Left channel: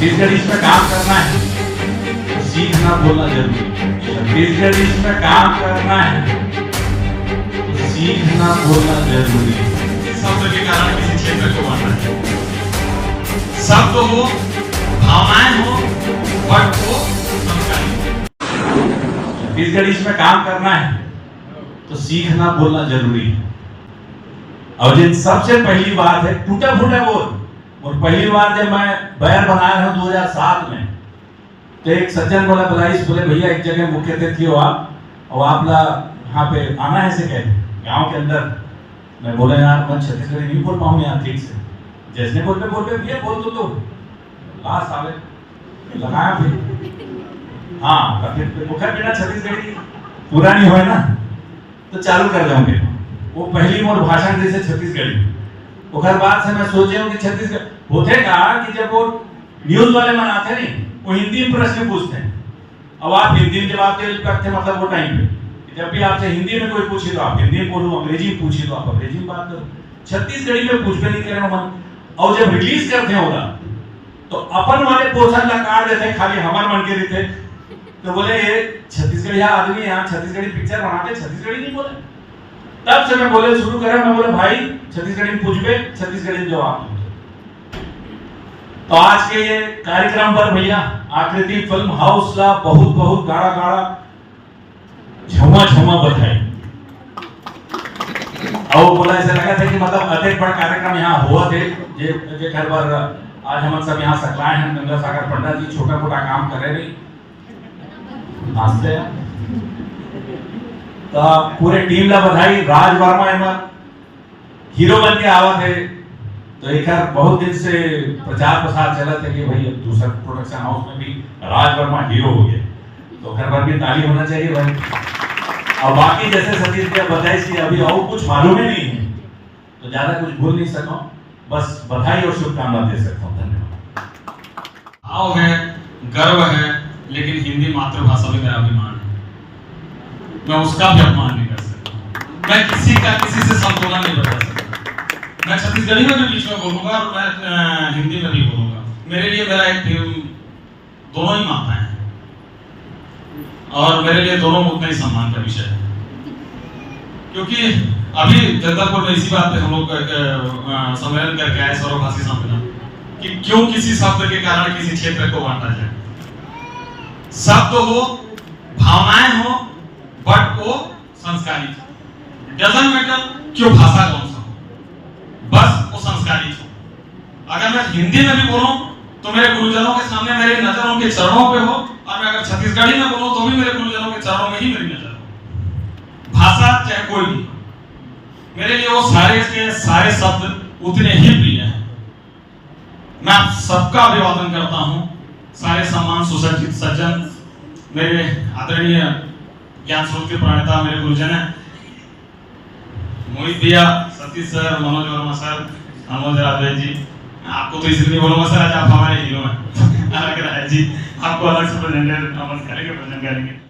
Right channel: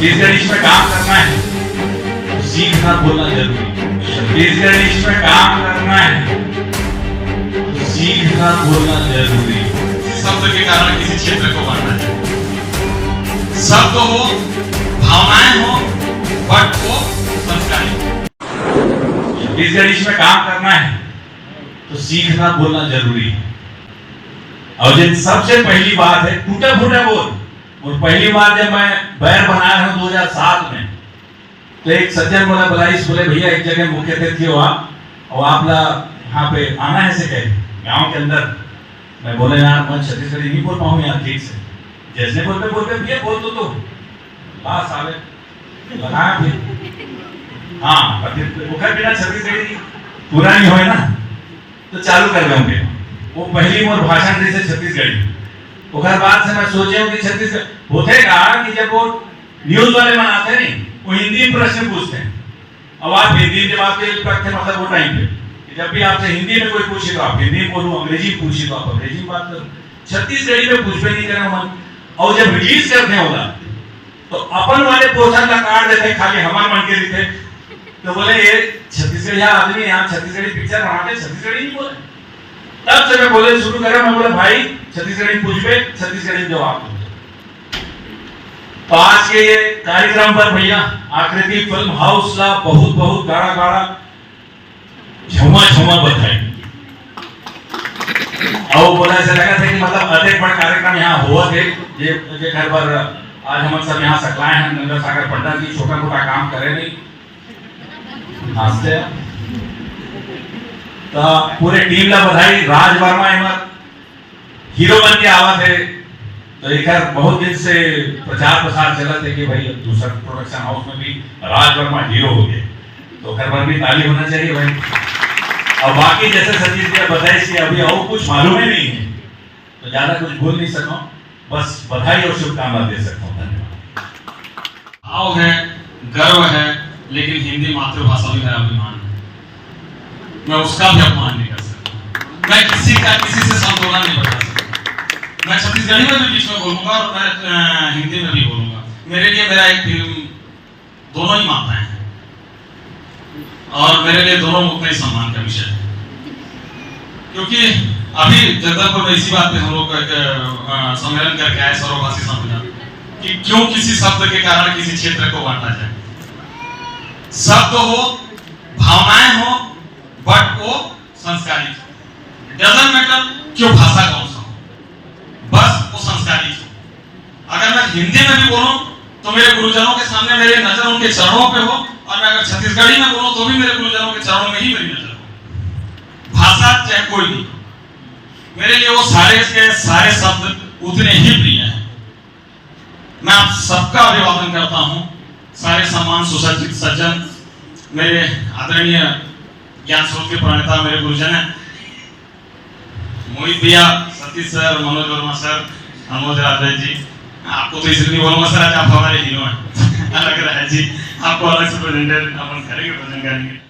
छत्तीसगढ़ी में काम करना है तो सीखना बोलना जरूरी है। छत्तीसगढ़ी में काम करना है तो सीखना बोलना जरूरी है। किसी शब्द के कारण किसी क्षेत्र को बांटना है। शब्द हो, भावनाएं हो, बट वो संस्कारी। छत्तीसगढ़ी में काम करना है तो सीखना बोलना जरूरी है। और जिन सबसे पहली बात है टूटे फूटे बोल। और पहली बार जब मैं बैर बनाया हूं 2007 में तो एक सज्जन बोला बलाइस बोले भैया एक जगह मुख्य अतिथि हो आप और आप यहाँ पे आना है से कहे गाँव के अंदर। मैं बोले यार मैं छत्तीसगढ़ी नहीं बोल पाऊँ यार ठीक से। जैसे बोल पे भैया बोल दो तो लास्ट साले लगाया फिर हाँ मुखर बिना छत्तीसगढ़ी पूरा नहीं होए ना तो चालू कर दूंगे। वो पहली मोर भाषण रही से छत्तीसगढ़ी। उखर बाद से मैं सोचे हूँ कि छत्तीसगढ़ होते का कि जब वो न्यूज वाले बनाते नहीं वो हिंदी में प्रश्न पूछते हैं। अब आप हिंदी में जवाब के रखते मतलब वो टाइम पे जब भी आपसे हिंदी में कोई पूछे तो आप हिंदी बोलो, अंग्रेजी पूछे तो आप अंग्रेजी में बात करो। छत्तीसगढ़ी में पूछ भी नहीं कर रहा मन। और जब रिलीज करते होगा तो अपन वाले पोर्शन का कार्ड देते खाली हमारे मन के लिए तो बोले ये छत्तीसगढ़ी आदमी यहाँ छत्तीसगढ़ी पिक्चर बनाते छत्तीसगढ़ी नहीं बोले। तब से मैं बोले शुरू करा मैं बोले भाई छत्तीसगढ़ी पूछ पे छत्तीसगढ़ी जवाब। तो आज के ये कार्यक्रम पर भैया आकृति फिल्म हाउस का बहुत बहुत गाड़ा गाड़ा झुमा झुमा बधाई। और बोला ऐसा लगा था कि मतलब अधिक बड़ा कार्यक्रम यहाँ हुआ थे ये घर पर आज हम सब यहाँ सकलाए हैं। गंगा सागर पंडित जी छोटा मोटा काम करे नहीं हंसते तो पूरे टीम ला बधाई। राज वर्मा एमर हीरो बन के आवा थे तो एक बहुत दिन से प्रचार प्रसार चला थे कि भाई दूसरा प्रोडक्शन हाउस में भी राज वर्मा हीरो हो गए तो घर पर भी ताली होना चाहिए भाई। और बाकी जैसे सतीश जी बधाई सी अभी और कुछ मालूम ही नहीं है तो ज्यादा कुछ भूल नहीं सकूं बस बधाई और शुभकामना दे सकता हूँ। धन्यवाद। भाव है, गर्व है, लेकिन हिंदी मातृभाषा भी मेरा अभिमान है। मैं उसका भी अपमान नहीं कर सकता। मैं किसी से संतुलन नहीं बता सकता। मैं छत्तीसगढ़ी में भी बीच में बोलूंगा और मैं हिंदी में भी बोलूंगा। मेरे लिए मेरा एक फिल्म दोनों ही माताएं हैं और मेरे लिए दोनों उतना ही सम्मान का विषय है। क्योंकि अभी जगदलपुर में इसी बात पे हम लोग सम्मेलन करके आए सर्वभाषी सम्मेलन कि क्यों किसी शब्द के कारण किसी क्षेत्र को बांटा जाए। शब्द हो, भावनाएं हो, बट वो संस्कारी डजंट मैटर क्यों भाषा कौन सा हो, बस वो संस्कारी हो। अगर मैं हिंदी में भी बोलूं तो मेरे गुरुजनों के सामने मेरी नजर उनके चरणों पे हो और मैं अगर छत्तीसगढ़ी में बोलूं तो भी मेरे गुरुजनों के चरणों में ही मेरी नजर हो। भाषा चाहे कोई भी मेरे लिए वो सारे शब्द उतने ही प्रिय हैं। मैं आप सबका अभिवादन करता हूं। सारे सम्मान सुसज्जित सज्जन मेरे आदरणीय ज्ञान स्वरूप के प्रणेता मेरे गुरुजन हैं मोहित भैया, सतीश सर, मनोज वर्मा सर, अनमोल राजे जी। आपको तो इसलिए नहीं बोलूंगा सर आज आप हमारे हीरो हैं अलग रहे जी। आपको अलग से प्रेजेंटेशन करेंगे।